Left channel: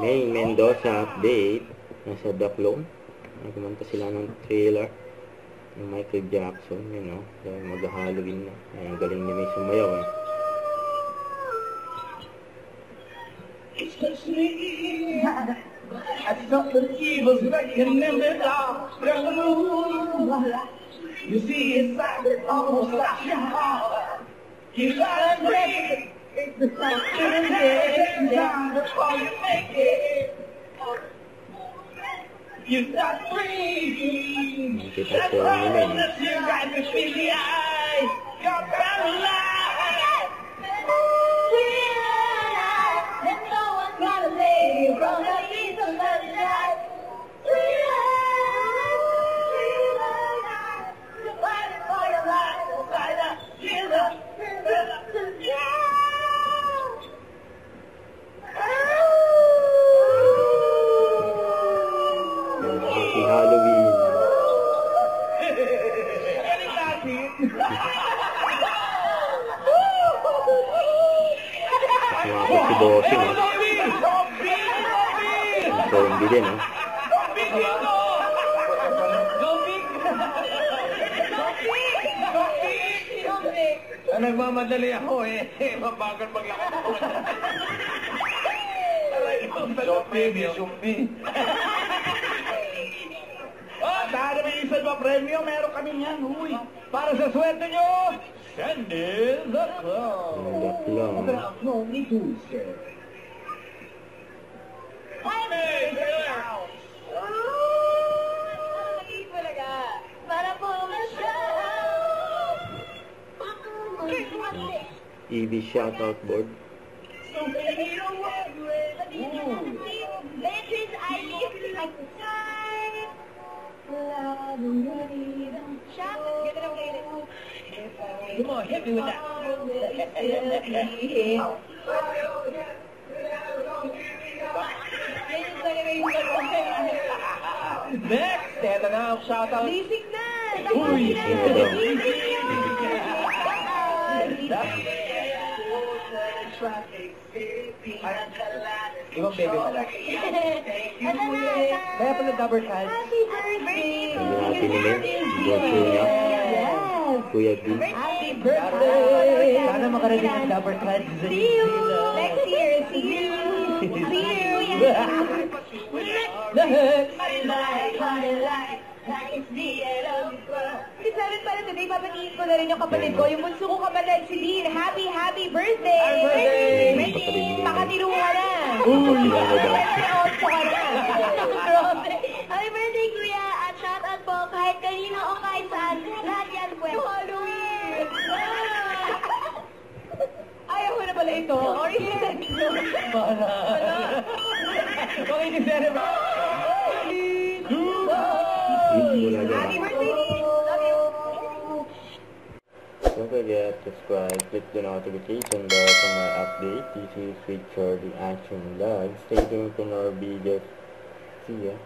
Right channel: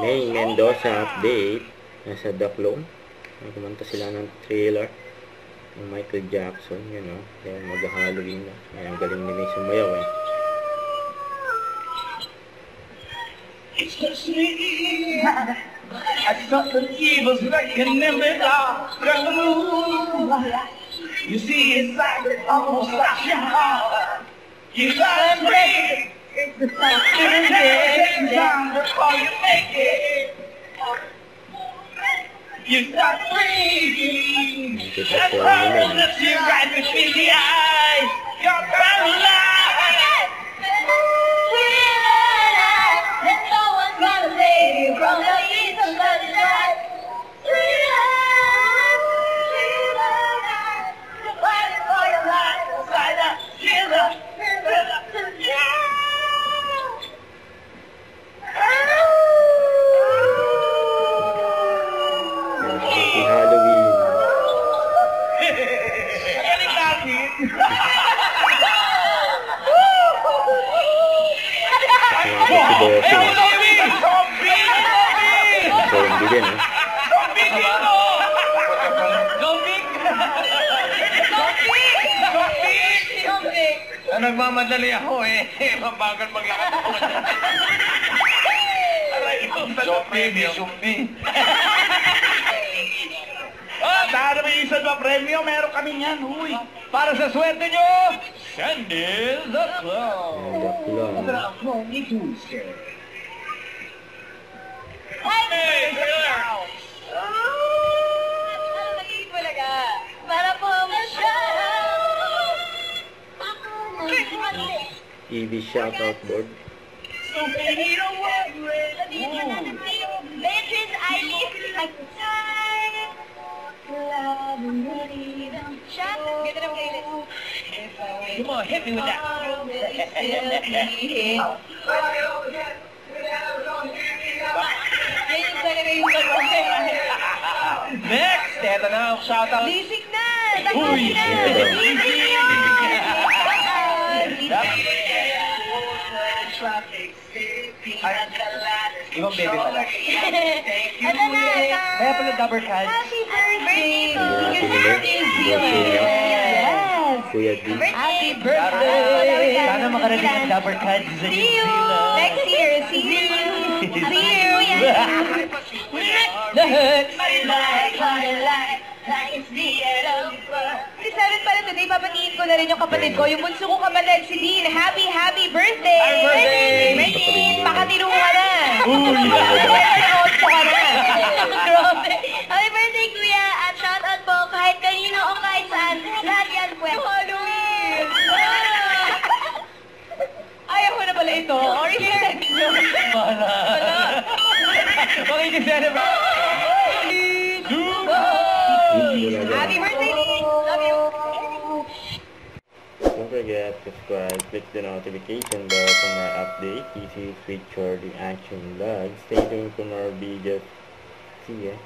May Mendoza update. Nasa The Clone. Kumanta sila ng trailer ng Michael Jackson, you know. Kaya mag-Halloween na. Ayan, galing ni May sumayaw eh. It's just me. I thought the evil's lurking in the dark room. You see, it's like almost like your heart. You gotta break. It's the first time before you make it. You start breathing. That problem looks you right between the eyes. You're paralyzed. From the east of the night, freedom, you're fighting for your life, inside the killer, Happy Halloween. Galing natin. Ayan, si Bossing. Zombie din, eh. Zombie dito! Zombie! Nagmamadali ako eh. Mabagal maglakad ako. Zombie. Dahil may isa ba premyo, meron kami niyan. Uy, para sa swerte nyo, send in the clown. The Clone. No need to scare. TV shoutout board. Come on, hit me with that. Next, eto na, shoutout. Lisik na! Uy! Ibang baby pala. Ano na? Kaya pala double card. Happy birthday! Yes! Kuya D. Happy birthday! Sana makarating ang double card sa See you next year! See you! See you! Seven pala today, papatiin ko na rin yung kapatid ko. Yung bunso ko kapatid, si Dean. Happy birthday! Happy birthday! Dean, makatiro ka na. Uy! Nakakot ka na. Grabe. Happy birthday, kuya. At shout out po kahit kanino o kahit saan. Lahat yan po. Halloween! Ayaw mo na pala ito. Or here. Wala. Makikiselebrate. Happy birthday, Dean. Love you. Don't forget to subscribe, click the notification bell for more updates. This is Sweet Short Reaction Vlog. Stay tuned for more videos. See ya.